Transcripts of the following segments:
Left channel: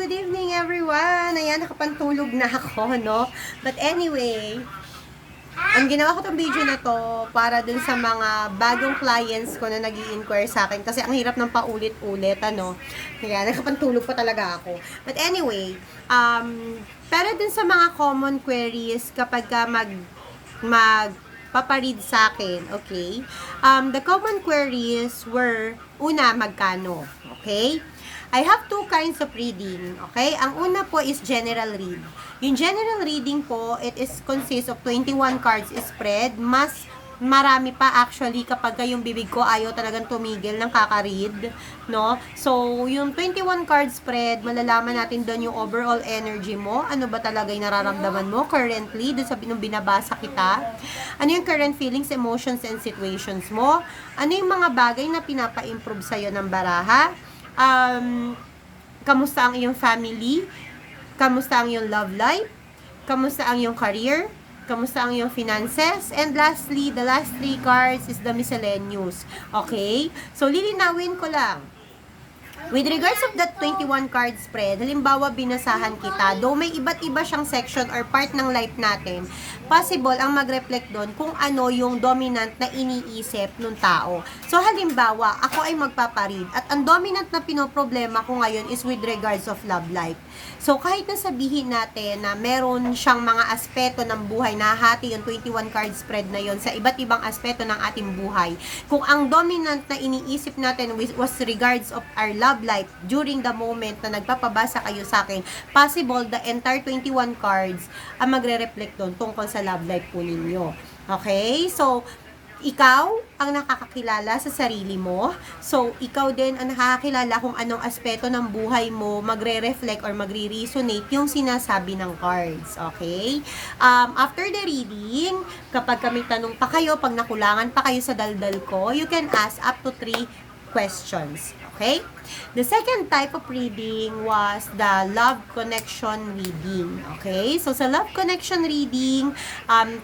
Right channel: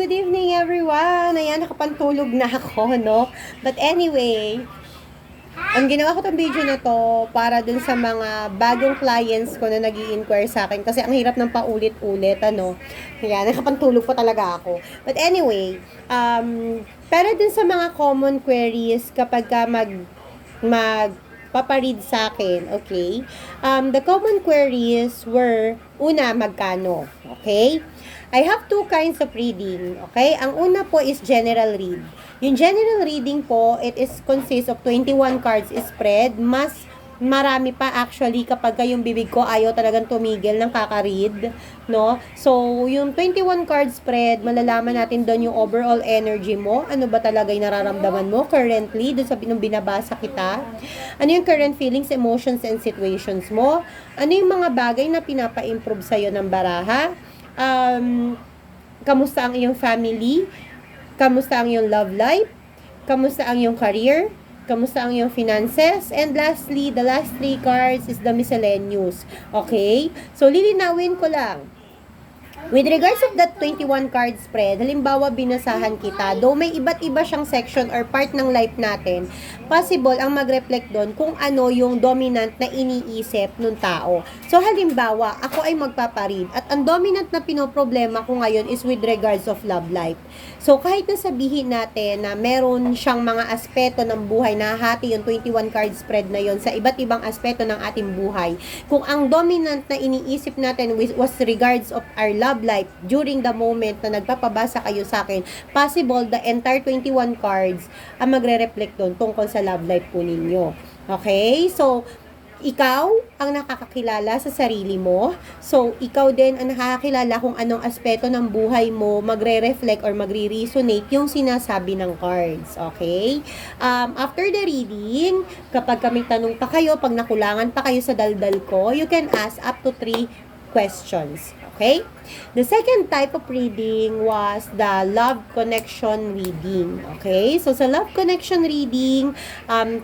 good evening everyone. Ayan, nakapantulog na ako, no? But anyway, ang ginawa ko tong video na to para dun sa mga bagong clients ko na nag-i-inquire sa akin kasi ang hirap ng paulit-ulit, ano? Kaya nakapantulog pa talaga ako. But anyway, pero dun sa mga common queries kapag ka paparead sa akin, okay? The common queries were, una, magkano, okay? I have two kinds of reading, okay? Ang una po is general read. Yung general reading po, it is consists of 21 cards spread. Mas marami pa actually kapag yung bibig ko ayaw talagang tumigil ng kakaread, no? So, yung 21 card spread, malalaman natin doon yung overall energy mo. Ano ba talaga yung nararamdaman mo currently doon sa binabasa kita? Ano yung current feelings, emotions, and situations mo? Ano yung mga bagay na pinapa-improve sa'yo ng baraha? Kamusta ang iyong family? Kamusta ang iyong love life? Kamusta ang iyong career? Kamusta ang iyong finances? And lastly, the last three cards is the miscellaneous. Okay? So, lilinawin ko lang. With regards of that 21 card spread, halimbawa binasahan kita, though may iba't iba siyang section or part ng life natin, possible ang mag-reflect doon kung ano yung dominant na iniisip ng tao. So halimbawa, ako ay magpaparead at ang dominant na pinoproblema ko ngayon is with regards of love life. So kahit na sabihin natin na meron siyang mga aspeto ng buhay, nahati yung 21 card spread na yon sa iba't ibang aspeto ng ating buhay, kung ang dominant na iniisip natin was regards of our love life during the moment na nagpapabasa kayo sa akin, possible the entire 21 cards ang magre-reflect doon tungkol sa love life po ninyo. Okay? So, ikaw ang nakakakilala sa sarili mo. So, ikaw din ang nakakakilala kung anong aspeto ng buhay mo magre-reflect or magre-resonate yung sinasabi ng cards. Okay? After the reading, kapag may tanong pa kayo, pag nakulangan pa kayo sa daldal ko, you can ask up to 3 questions. Okay? The second type of reading was the love connection reading. Okay? So, sa love connection reading,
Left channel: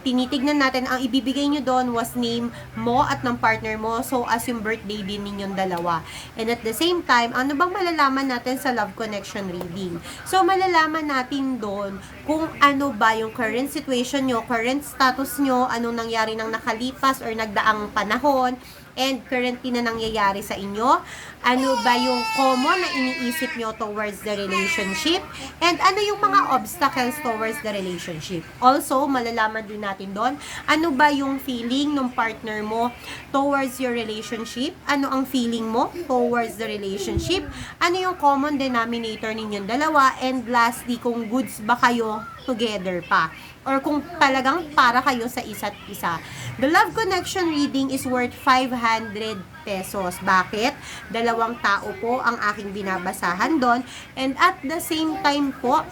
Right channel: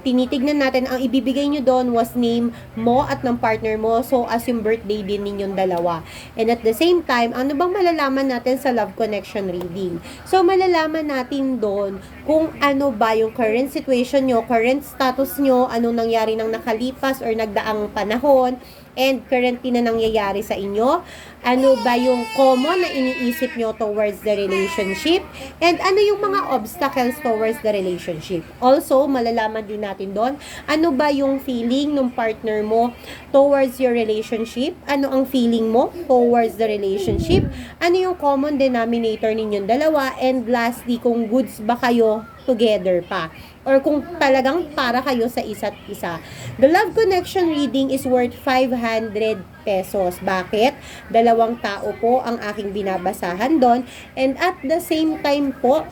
tinitignan natin, ang ibibigay nyo doon was name mo at ng partner mo. So, as yung birthday din ninyong dalawa. And at the same time, ano bang malalaman natin sa love connection reading? So, malalaman natin doon kung ano ba yung current situation nyo, current status nyo, anong nangyari ng nakalipas or nagdaang panahon, and currently na nangyayari sa inyo, ano ba yung common na iniisip nyo towards the relationship, and ano yung mga obstacles towards the relationship. Also, malalaman din natin doon, ano ba yung feeling ng partner mo towards your relationship, ano ang feeling mo towards the relationship, ano yung common denominator ninyong dalawa, and lastly, kung goods ba kayo together pa, or kung talagang para kayo sa isa't isa. The love connection reading is worth 500 pesos. Bakit? Dalawang tao po ang aking binabasahan doon. And at the same time po,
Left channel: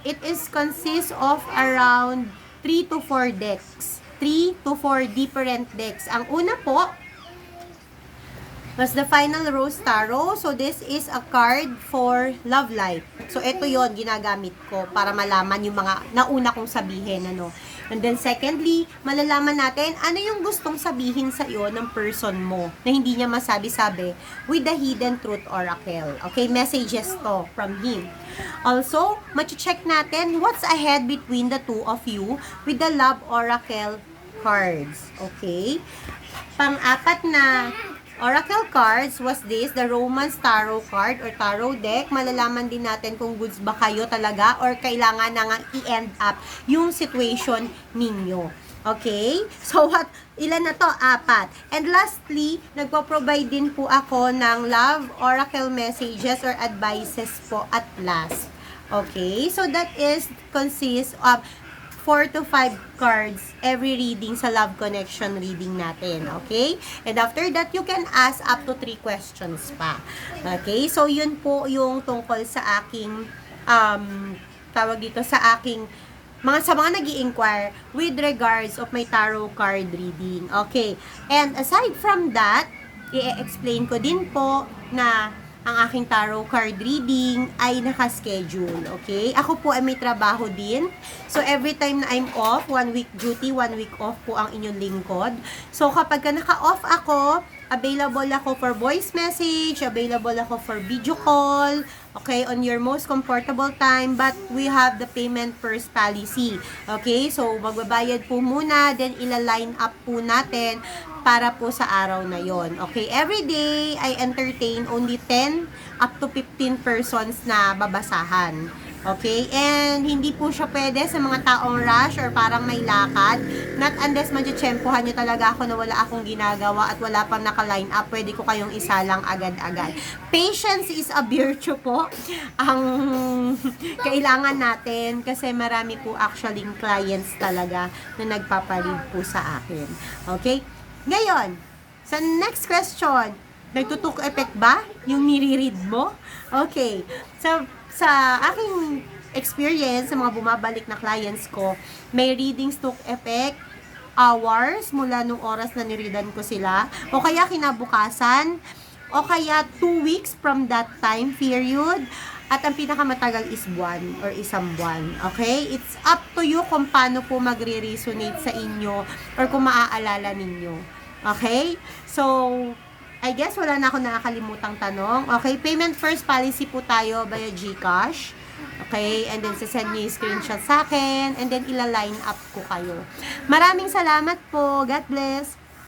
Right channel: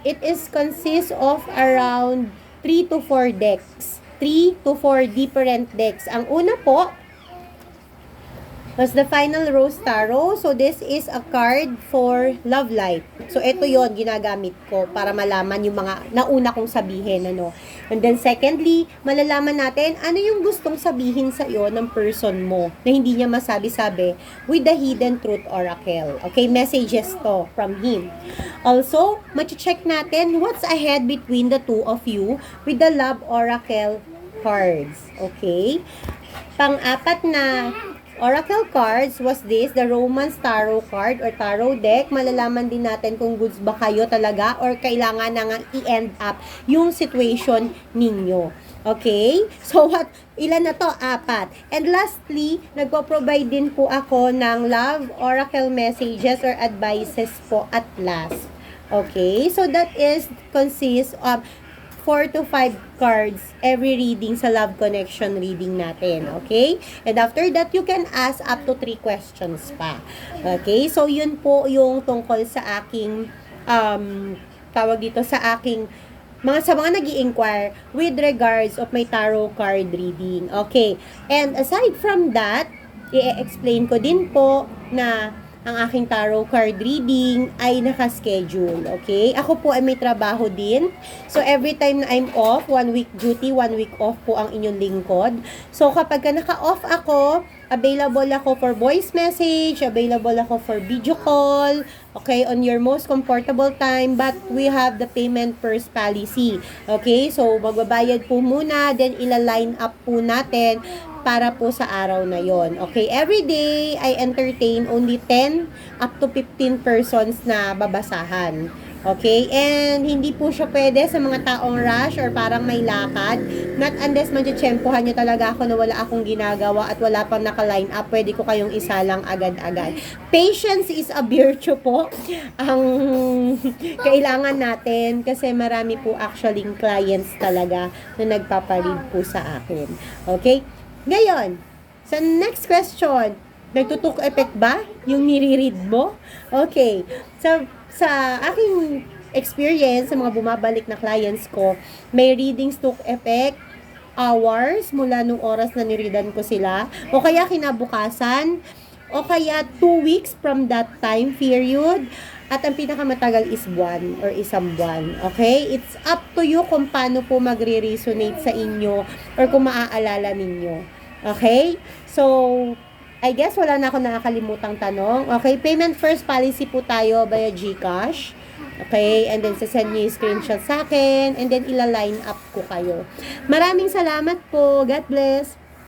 it is consists of around 3 to 4 decks. 3 to 4 different decks. Ang una po was the Final Rose Tarot. So, this is a card for love life. So, ito yon ginagamit ko para malaman yung mga nauna kong sabihin, ano. And then, secondly, malalaman natin ano yung gustong sabihin sa iyo ng person mo na hindi niya masabi-sabi with the Hidden Truth Oracle. Okay, messages to from him. Also, check natin what's ahead between the two of you with the Love Oracle cards. Okay? Pang-apat na Oracle cards was this, the Romance Tarot card or Tarot deck. Malalaman din natin kung goods ba kayo talaga or kailangan na nga i-end up yung situation ninyo. Okay? So, ilan na to? 4. And lastly, nagpo-provide din po ako ng Love Oracle messages or advices po at last. Okay? So, that is consists of 4 to 5 cards every reading sa love connection reading natin. Okay? And after that, you can ask up to 3 questions pa. Okay? So, yun po yung tungkol sa aking tawag dito sa aking sa mga nag-i-inquire with regards of my tarot card reading. Okay? And aside from that, i-explain ko din po na ang aking tarot card reading ay nakaschedule, okay? Ako po ay may trabaho din. So, every time na I'm off, 1 week duty, 1 week off po ang inyong lingkod. So, kapag naka-off ako, Available ako for voice message, available ako for video call, okay, on your most comfortable time, but we have the payment first policy. Okay, so magbabayad po muna, then ila-line up po natin para po sa araw na yon. Okay, every day I entertain only 10 up to 15 persons na babasahan. Okay, and hindi po siya pwede sa mga taong rush or parang may lakad. Not unless madya-tsempohan nyo talaga ako na wala akong ginagawa at wala pang naka-line up, pwede ko kayong isalang agad-agad. Patience is a virtue po ang kailangan natin kasi marami po actually clients talaga na nagpaparead po sa akin. Okay, ngayon, sa next question, nagtutok effect ba yung nire-read mo? Okay, so sa aking experience sa mga bumabalik na clients ko, may readings took effect hours mula nung oras na nireadan ko sila, o kaya kinabukasan, o kaya 2 weeks from that time period, at ang pinakamatagal is buwan or isang buwan. Okay? It's up to you kung paano po magre-resonate sa inyo or kung maaalala ninyo. Okay? So, I guess wala na ako nakakalimutang tanong. Okay, payment first policy po tayo via GCash. Okay, and then sasend nyo yung screenshot sa akin and then ila-line up ko kayo. Maraming salamat po. God bless.